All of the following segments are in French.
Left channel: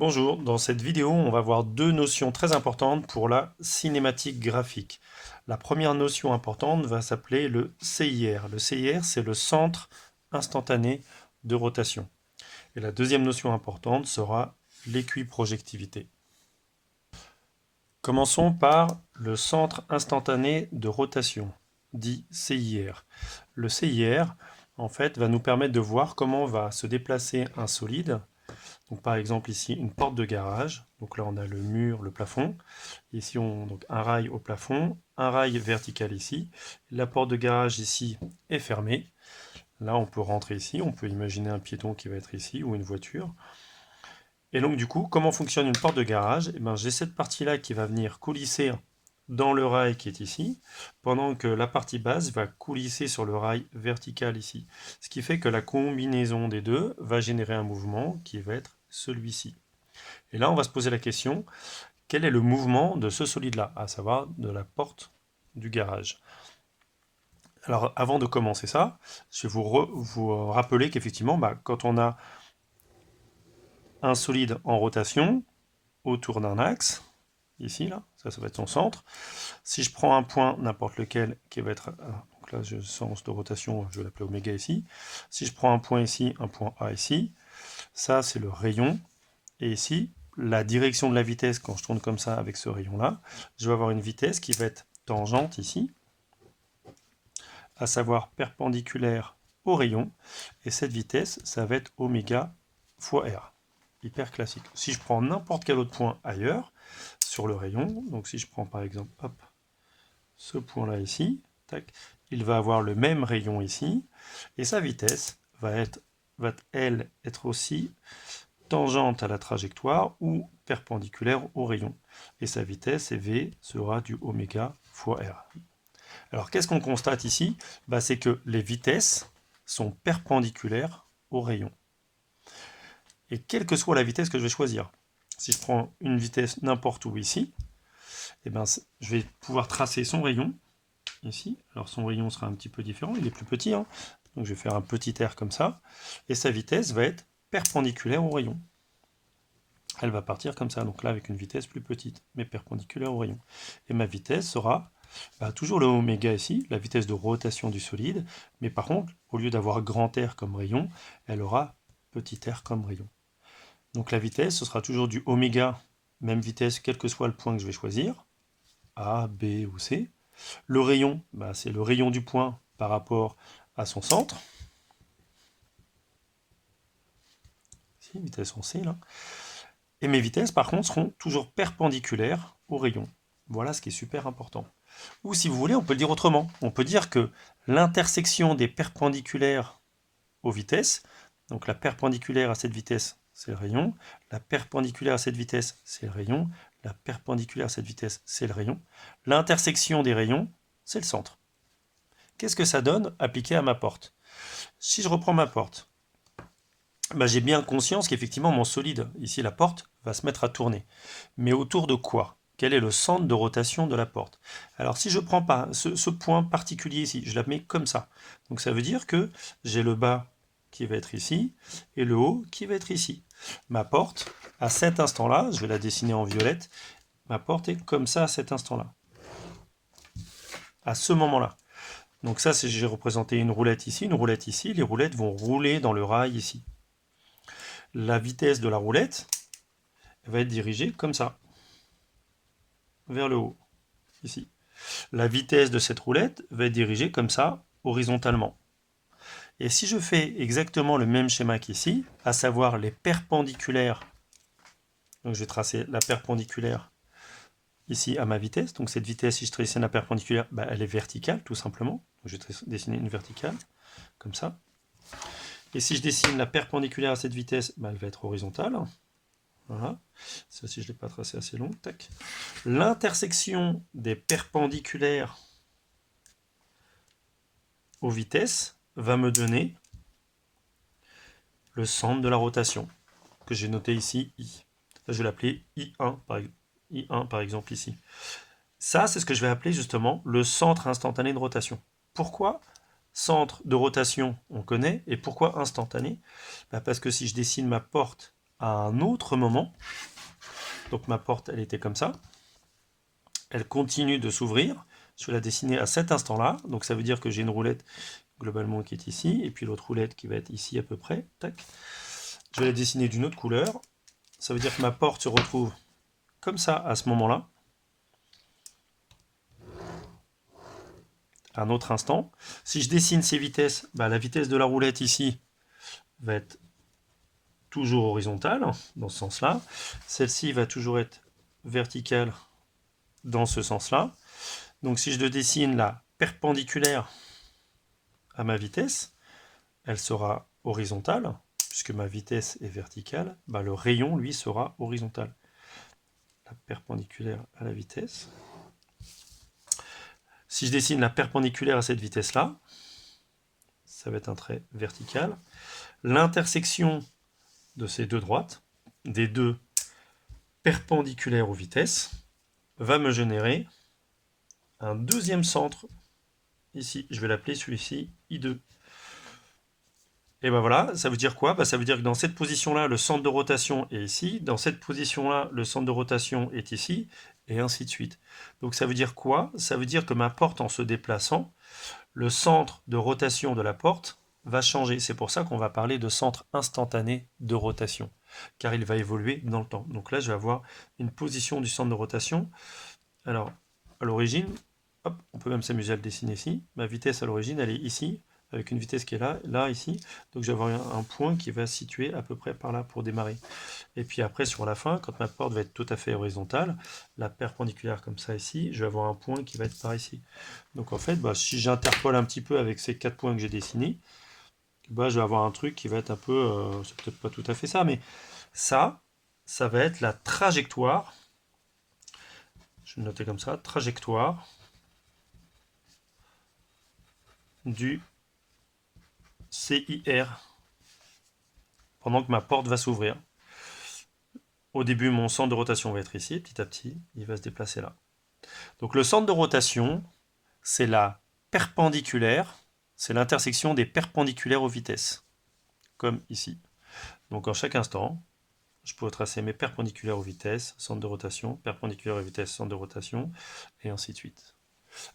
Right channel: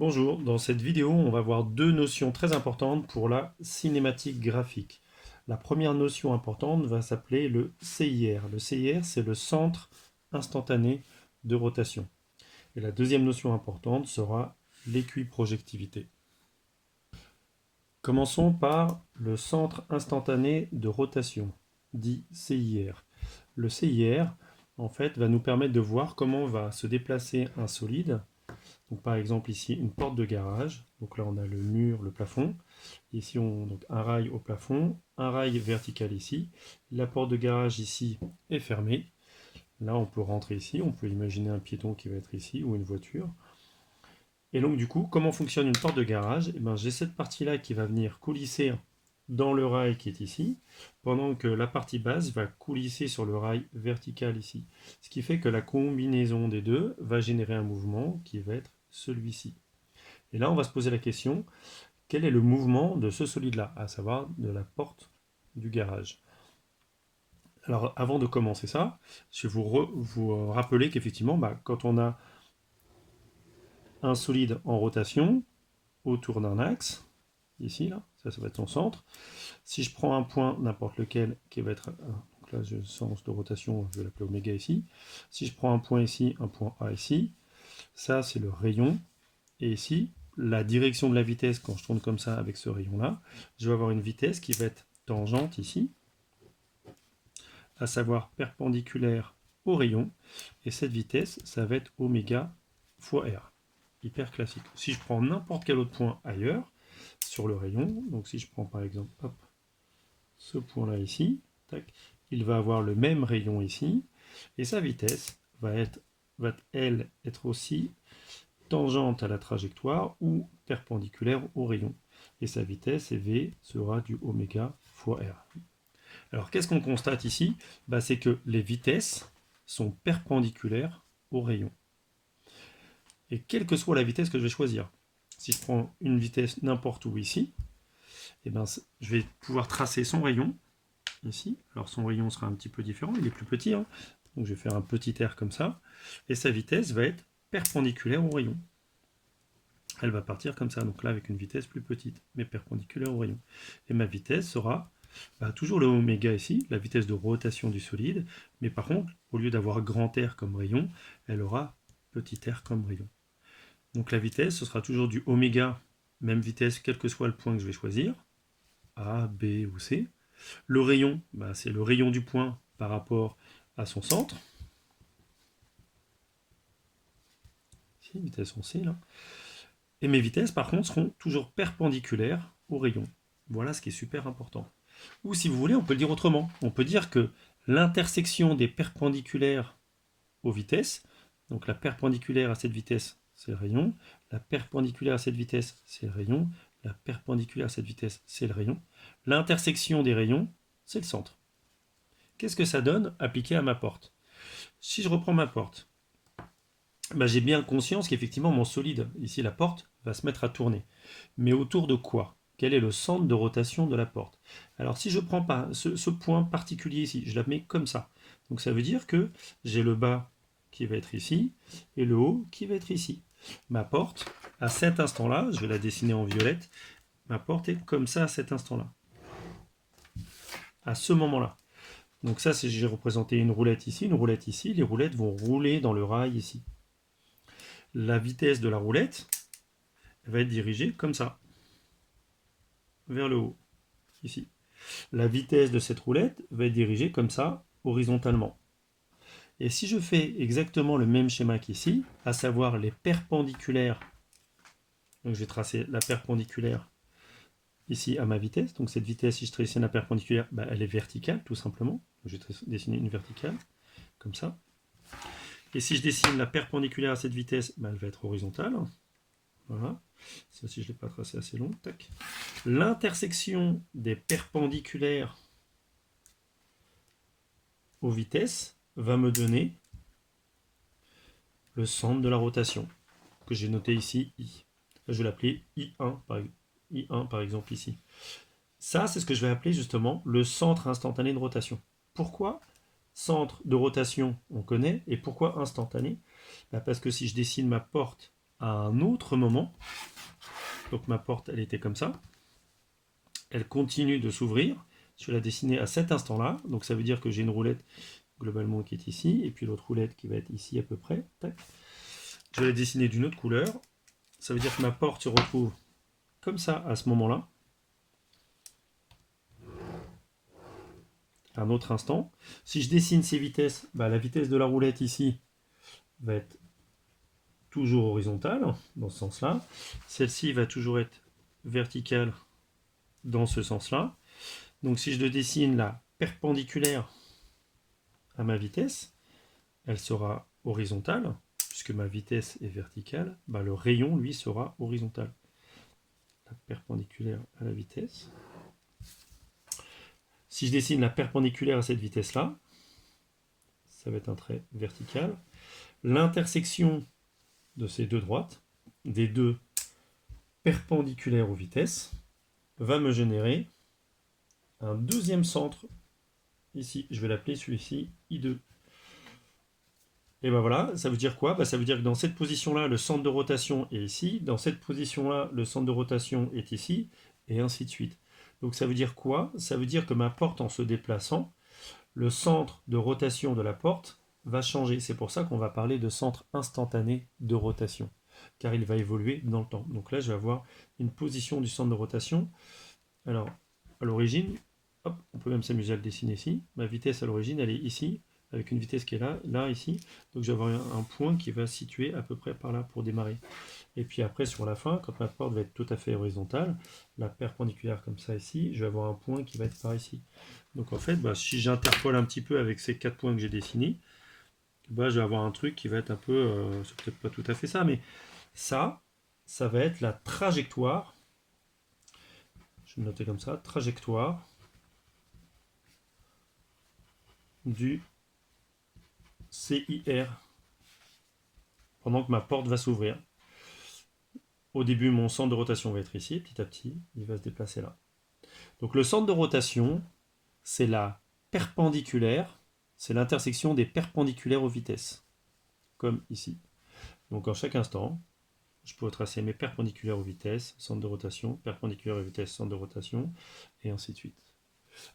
Bonjour, dans cette vidéo, on va voir deux notions très importantes pour la cinématique graphique. La première notion importante va s'appeler le CIR. Le CIR, c'est le centre instantané de rotation. Et la deuxième notion importante sera l'équiprojectivité. Commençons par le centre instantané de rotation, dit CIR. Le CIR, en fait, va nous permettre de voir comment va se déplacer un solide. Donc, par exemple, ici, une porte de garage. Donc là, on a le mur, le plafond. Ici, donc un rail au plafond, un rail vertical ici. La porte de garage ici est fermée. Là, on peut rentrer ici. On peut imaginer un piéton qui va être ici ou une voiture. Et donc, du coup, comment fonctionne une porte de garage? J'ai cette partie-là qui va venir coulisser dans le rail qui est ici, pendant que la partie basse va coulisser sur le rail vertical ici. Ce qui fait que la combinaison des deux va générer un mouvement qui va être celui-ci. Et là, on va se poser la question, quel est le mouvement de ce solide-là, à savoir de la porte du garage? Alors, avant de commencer ça, je vais vous rappeler qu'effectivement, quand on a un solide en rotation autour d'un axe, ici, là, ça va être son centre. Si je prends un point, n'importe lequel, qui va être, donc là, sens de rotation, je vais l'appeler oméga ici. Si je prends un point ici, un point A ici, ça, c'est le rayon. Et ici, la direction de la vitesse, quand je tourne comme ça avec ce rayon-là, je vais avoir une vitesse qui va être tangente ici, à savoir perpendiculaire au rayon. Et cette vitesse, ça va être oméga fois R. Hyper classique. Si je prends n'importe quel autre point ailleurs, sur le rayon, donc si je prends par exemple hop, ce point-là ici, tac, il va avoir le même rayon ici, et sa vitesse elle être aussi tangente à la trajectoire ou perpendiculaire au rayon. Et sa vitesse, V, sera du oméga fois R. Alors qu'est-ce qu'on constate ici? C'est que les vitesses sont perpendiculaires au rayon. Et quelle que soit la vitesse que je vais choisir, si je prends une vitesse n'importe où ici, je vais pouvoir tracer son rayon ici. Alors son rayon sera un petit peu différent, il est plus petit, hein. Donc je vais faire un petit R comme ça, et sa vitesse va être perpendiculaire au rayon. Elle va partir comme ça, donc là avec une vitesse plus petite, mais perpendiculaire au rayon. Et ma vitesse sera toujours le oméga ici, la vitesse de rotation du solide, mais par contre, au lieu d'avoir grand R comme rayon, elle aura petit r comme rayon. Donc la vitesse, ce sera toujours du oméga, même vitesse, quel que soit le point que je vais choisir, A, B ou C. Le rayon, c'est le rayon du point par rapport à son centre. Ici, vitesse en C, là. Et mes vitesses, par contre, seront toujours perpendiculaires au rayon. Voilà ce qui est super important. Ou si vous voulez, on peut le dire autrement. On peut dire que l'intersection des perpendiculaires aux vitesses, donc la perpendiculaire à cette vitesse, c'est le rayon, la perpendiculaire à cette vitesse, c'est le rayon, la perpendiculaire à cette vitesse, c'est le rayon. L'intersection des rayons, c'est le centre. Qu'est-ce que ça donne appliqué à ma porte? Si je reprends ma porte, j'ai bien conscience qu'effectivement mon solide, ici la porte, va se mettre à tourner. Mais autour de quoi? Quel est le centre de rotation de la porte? Alors si je ne prends pas ce point particulier ici, je la mets comme ça. Donc ça veut dire que j'ai le bas qui va être ici et le haut qui va être ici. Ma porte, à cet instant-là, je vais la dessiner en violette, ma porte est comme ça à cet instant-là. À ce moment-là. Donc ça, j'ai représenté une roulette ici, les roulettes vont rouler dans le rail ici. La vitesse de la roulette va être dirigée comme ça, vers le haut, ici. La vitesse de cette roulette va être dirigée comme ça, horizontalement. Et si je fais exactement le même schéma qu'ici, à savoir les perpendiculaires, donc je vais tracer la perpendiculaire ici à ma vitesse, donc cette vitesse, si je dessine la perpendiculaire, elle est verticale, tout simplement. Donc je vais dessiner une verticale, comme ça. Et si je dessine la perpendiculaire à cette vitesse, elle va être horizontale. Voilà. Ça, si je ne l'ai pas tracé assez long, tac. L'intersection des perpendiculaires aux vitesses va me donner le centre de la rotation, que j'ai noté ici, I. Je vais l'appeler I1 par exemple ici. Ça, c'est ce que je vais appeler justement le centre instantané de rotation. Pourquoi centre de rotation, on connaît, et pourquoi instantané? Parce que si je dessine ma porte à un autre moment. Donc ma porte, elle était comme ça. Elle continue de s'ouvrir. Je vais la dessiner à cet instant-là. Donc ça veut dire que j'ai une roulette globalement qui est ici, et puis l'autre roulette qui va être ici à peu près. Tac. Je vais la dessiner d'une autre couleur. Ça veut dire que ma porte se retrouve comme ça à ce moment-là. À un autre instant. Si je dessine ces vitesses, la vitesse de la roulette ici va être toujours horizontale, dans ce sens-là. Celle-ci va toujours être verticale dans ce sens-là. Donc si je dessine la perpendiculaire à ma vitesse, elle sera horizontale, puisque ma vitesse est verticale, le rayon, lui, sera horizontal. La perpendiculaire à la vitesse. Si je dessine la perpendiculaire à cette vitesse-là, ça va être un trait vertical. L'intersection de ces deux droites, des deux perpendiculaires aux vitesses, va me générer un deuxième centre ici. Je vais l'appeler celui-ci I2. Et voilà, ça veut dire quoi? Ça veut dire que dans cette position-là, le centre de rotation est ici. Dans cette position-là, le centre de rotation est ici. Et ainsi de suite. Donc ça veut dire quoi? Ça veut dire que ma porte, en se déplaçant, le centre de rotation de la porte va changer. C'est pour ça qu'on va parler de centre instantané de rotation, car il va évoluer dans le temps. Donc là, je vais avoir une position du centre de rotation. Alors, à l'origine, on peut même s'amuser à le dessiner ici. Ma vitesse à l'origine, elle est ici, avec une vitesse qui est là, ici. Donc je vais avoir un point qui va se situer à peu près par là pour démarrer. Et puis après, sur la fin, quand ma porte va être tout à fait horizontale, la perpendiculaire comme ça ici, je vais avoir un point qui va être par ici. Donc en fait, si j'interpole un petit peu avec ces 4 points que j'ai dessinés, je vais avoir un truc qui va être un peu, c'est peut-être pas tout à fait ça, mais ça va être la trajectoire, je vais le noter comme ça, trajectoire du CIR pendant que ma porte va s'ouvrir. Au début, mon centre de rotation va être ici, petit à petit, il va se déplacer là. Donc le centre de rotation, c'est la perpendiculaire, c'est l'intersection des perpendiculaires aux vitesses, comme ici. Donc en chaque instant, je pourrais tracer mes perpendiculaires aux vitesses, centre de rotation, perpendiculaire aux vitesses, centre de rotation, et ainsi de suite.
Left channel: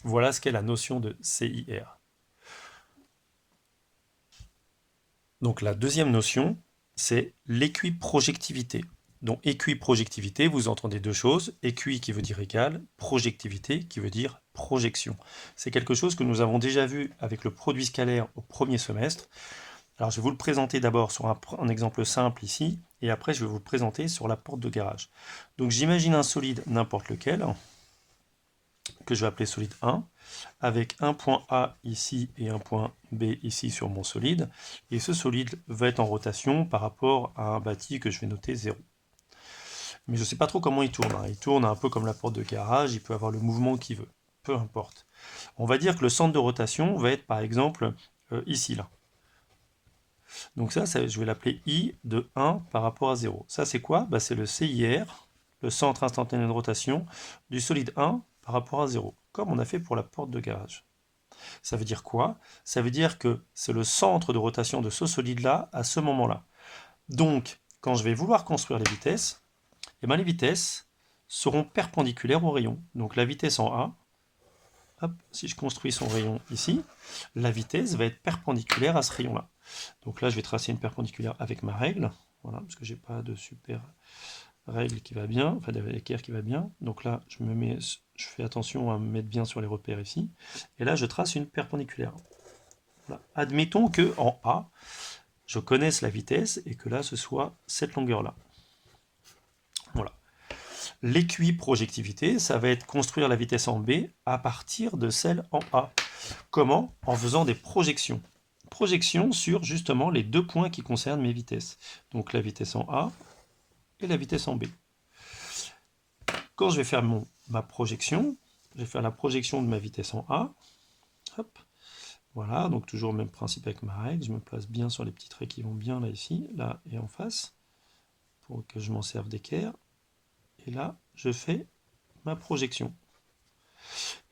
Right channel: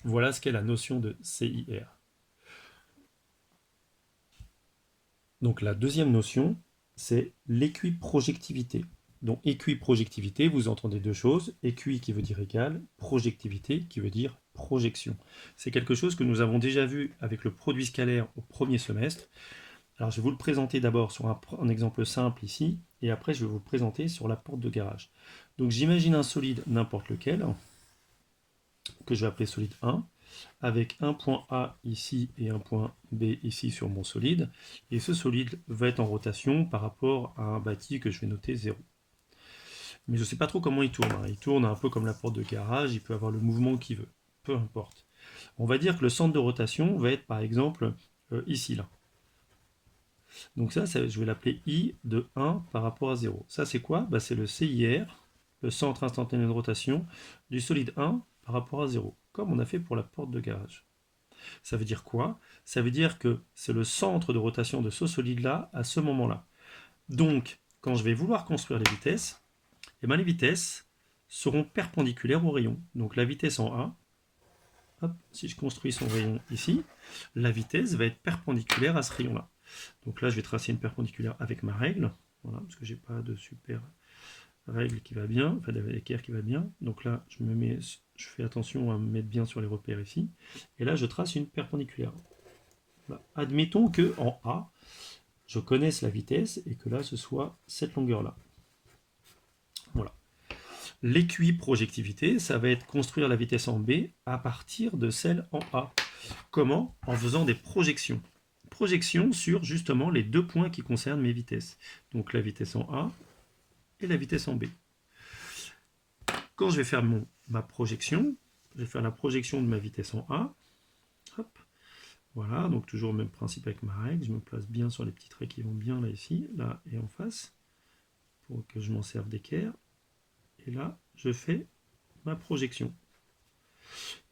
Voilà ce qu'est la notion de CIR. Donc la deuxième notion, c'est l'équiprojectivité. Donc équiprojectivité, vous entendez deux choses, équi qui veut dire égal, projectivité qui veut dire projection. C'est quelque chose que nous avons déjà vu avec le produit scalaire au premier semestre. Alors je vais vous le présenter d'abord sur un exemple simple ici, et après je vais vous le présenter sur la porte de garage. Donc j'imagine un solide n'importe lequel, que je vais appeler solide 1, avec un point A ici et un point B ici sur mon solide, et ce solide va être en rotation par rapport à un bâti que je vais noter 0. Mais je ne sais pas trop comment il tourne. Il tourne un peu comme la porte de garage, il peut avoir le mouvement qu'il veut, peu importe. On va dire que le centre de rotation va être par exemple ici, là. Donc ça, je vais l'appeler I de 1 par rapport à 0. Ça, c'est quoi? C'est le CIR, le centre instantané de rotation, du solide 1 par rapport à 0, comme on a fait pour la porte de garage. Ça veut dire quoi? Ça veut dire que c'est le centre de rotation de ce solide-là à ce moment-là. Donc, quand je vais vouloir construire les vitesses, les vitesses seront perpendiculaires au rayon. Donc la vitesse en A, si je construis son rayon ici, la vitesse va être perpendiculaire à ce rayon-là. Donc là, je vais tracer une perpendiculaire avec ma règle, voilà, parce que j'ai pas de super règle qui va bien, enfin d'équerre qui va bien. Donc là, je fais attention à me mettre bien sur les repères ici. Et là, je trace une perpendiculaire. Voilà. Admettons que en A, je connaisse la vitesse et que là, ce soit cette longueur-là. Voilà. L'équiprojectivité, ça va être construire la vitesse en B à partir de celle en A. Comment? En faisant des projections. Projections sur justement les deux points qui concernent mes vitesses. Donc la vitesse en A et la vitesse en B. Quand je vais faire ma projection, je vais faire la projection de ma vitesse en A. Hop. Voilà, donc toujours le même principe avec ma règle. Je me place bien sur les petits traits qui vont bien là, ici, là et en face, pour que je m'en serve d'équerre. Et là, je fais ma projection.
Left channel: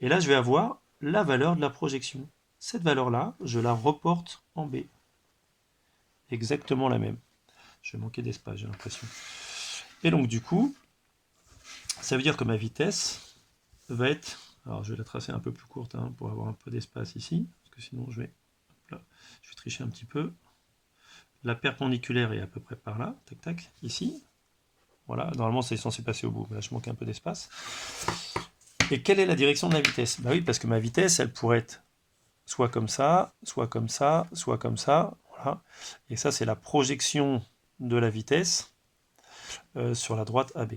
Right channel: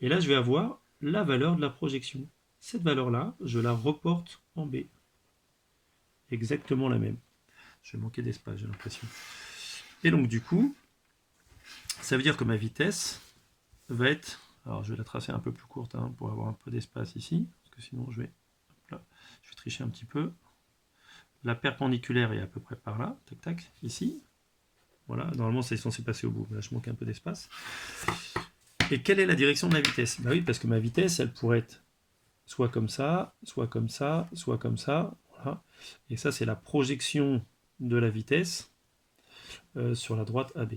Et là, je vais avoir la valeur de la projection. Cette valeur-là, je la reporte en B. Exactement la même. Je vais manquer d'espace, j'ai l'impression. Et donc du coup, ça veut dire que ma vitesse va être... Alors je vais la tracer un peu plus courte hein, pour avoir un peu d'espace ici, parce que sinon je vais tricher un petit peu. La perpendiculaire est à peu près par là, tac tac, ici. Voilà, normalement c'est censé passer au bout, mais là je manque un peu d'espace. Et quelle est la direction de ma vitesse? Bah oui, parce que ma vitesse, elle pourrait être soit comme ça, soit comme ça, soit comme ça. Voilà. Et ça, c'est la projection de la vitesse sur la droite AB.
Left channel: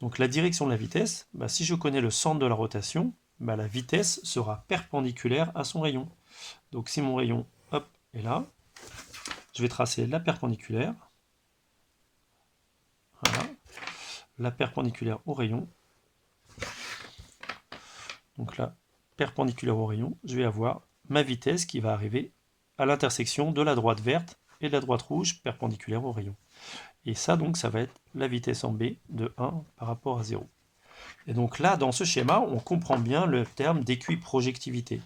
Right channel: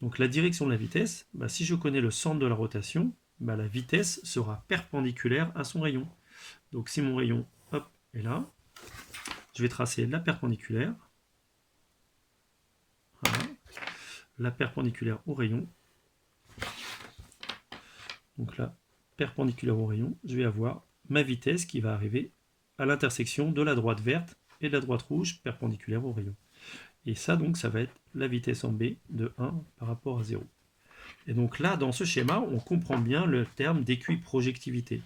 Donc la direction de la vitesse, bah, si je connais le centre de la rotation, bah, la vitesse sera perpendiculaire à son rayon. Donc si mon rayon hop, est là, je vais tracer la perpendiculaire. Voilà. La perpendiculaire au rayon. Donc là, perpendiculaire au rayon, je vais avoir ma vitesse qui va arriver à l'intersection de la droite verte et de la droite rouge perpendiculaire au rayon. Et ça, donc, ça va être la vitesse en B de 1 par rapport à 0. Et donc là, dans ce schéma, on comprend bien le terme d'équiprojectivité.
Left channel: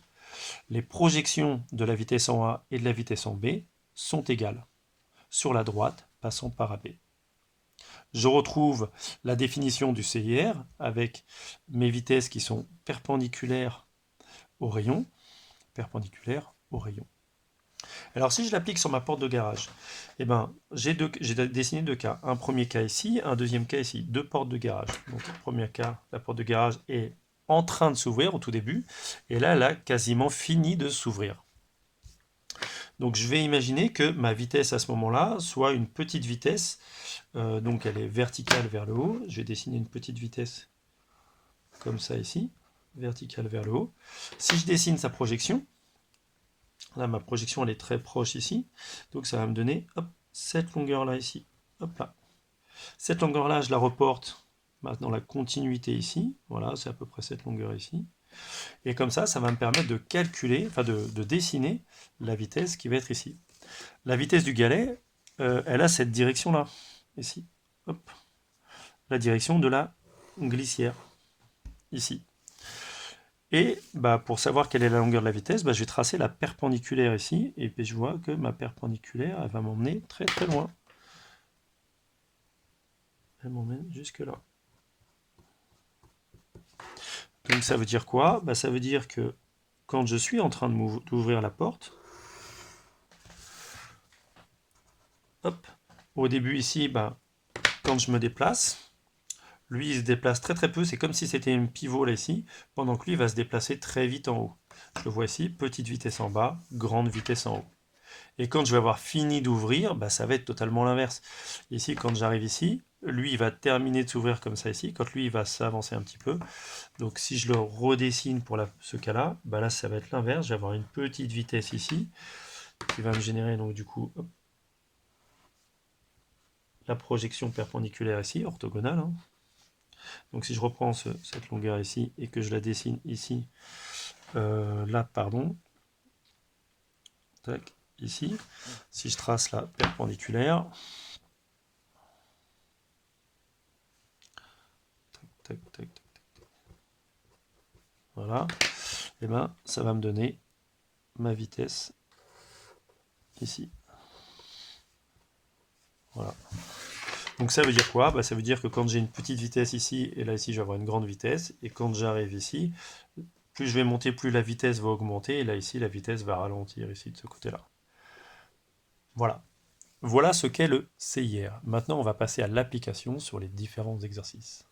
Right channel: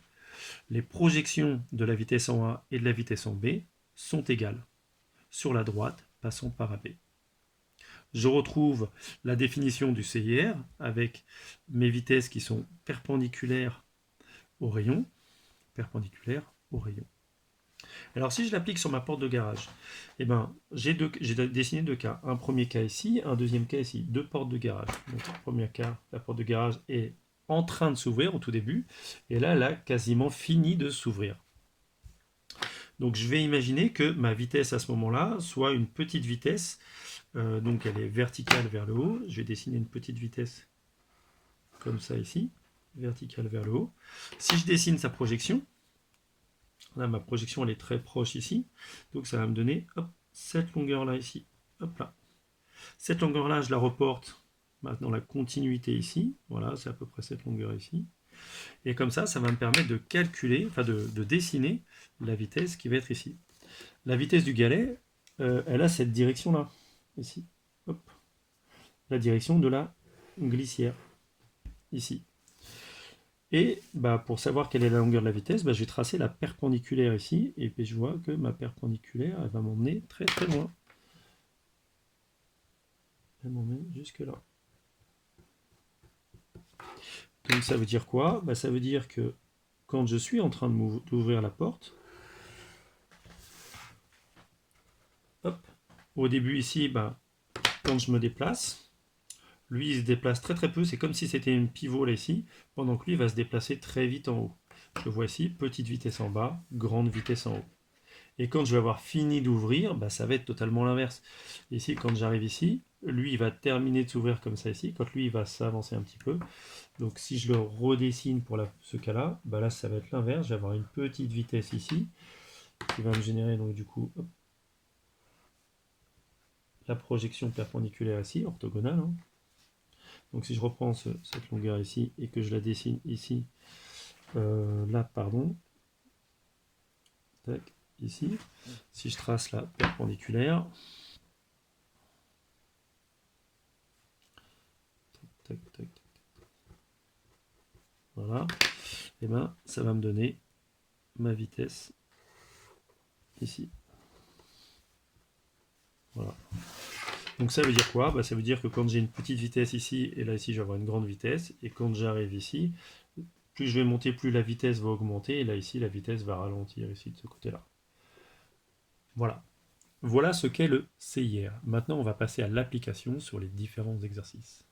Les projections de la vitesse en A et de la vitesse en B sont égales, sur la droite passant par AB. Je retrouve la définition du CIR avec mes vitesses qui sont perpendiculaires au rayon. Perpendiculaire au rayon. Alors si je l'applique sur ma porte de garage, eh ben, j'ai dessiné deux cas. Un premier cas ici, un deuxième cas ici. Deux portes de garage. Donc le premier cas, la porte de garage est en train de s'ouvrir au tout début. Et là, elle a quasiment fini de s'ouvrir. Donc je vais imaginer que ma vitesse à ce moment-là soit une petite vitesse. Donc elle est verticale vers le haut. Je vais dessiner une petite vitesse comme ça ici. Verticale vers le haut. Si je dessine sa projection, là, ma projection, elle est très proche ici. Donc, ça va me donner hop, cette longueur-là ici. Hop là. Cette longueur-là, je la reporte dans la continuité ici. Voilà, c'est à peu près cette longueur ici. Et comme ça va me permettre de calculer, enfin de dessiner la vitesse qui va être ici. La vitesse du galet, elle a cette direction-là, ici. Hop. La direction de la glissière, ici. Et bah, pour savoir quelle est la longueur de la vitesse, bah, je vais tracer la perpendiculaire ici, et puis je vois que ma perpendiculaire, elle va m'emmener très très loin. Elle m'emmène jusque là. Donc ça veut dire quoi? Bah, ça veut dire que quand je suis en train d'ouvrir la porte, hop, au début ici, bah, quand je me déplace, lui il se déplace très très peu, c'est comme si c'était un pivot là ici, pendant que lui va se déplacer très vite en haut. Je vois ici, petite vitesse en bas, grande vitesse en haut. Et quand je vais avoir fini d'ouvrir, bah, ça va être totalement l'inverse. Ici, quand j'arrive ici, lui, il va terminer de s'ouvrir comme ça ici. Quand lui, il va s'avancer un petit peu. Donc, si je le redessine pour ce cas-là, bah là, ça va être l'inverse. Je vais avoir une petite vitesse ici qui va me générer, donc du coup, hop, la projection perpendiculaire ici, orthogonale. Hein. Donc, si je reprends cette longueur ici et que je la dessine ici, là, pardon, tac, ici, si je trace la perpendiculaire, tac, tac, tac, voilà, et ben ça va me donner ma vitesse ici. Voilà. Donc ça veut dire quoi? Bah, ça veut dire que quand j'ai une petite vitesse ici, et là ici je vais avoir une grande vitesse, et quand j'arrive ici, plus je vais monter, plus la vitesse va augmenter, et là ici la vitesse va ralentir ici de ce côté-là. Voilà. Voilà ce qu'est le CIR. Maintenant on va passer à l'application sur les différents exercices.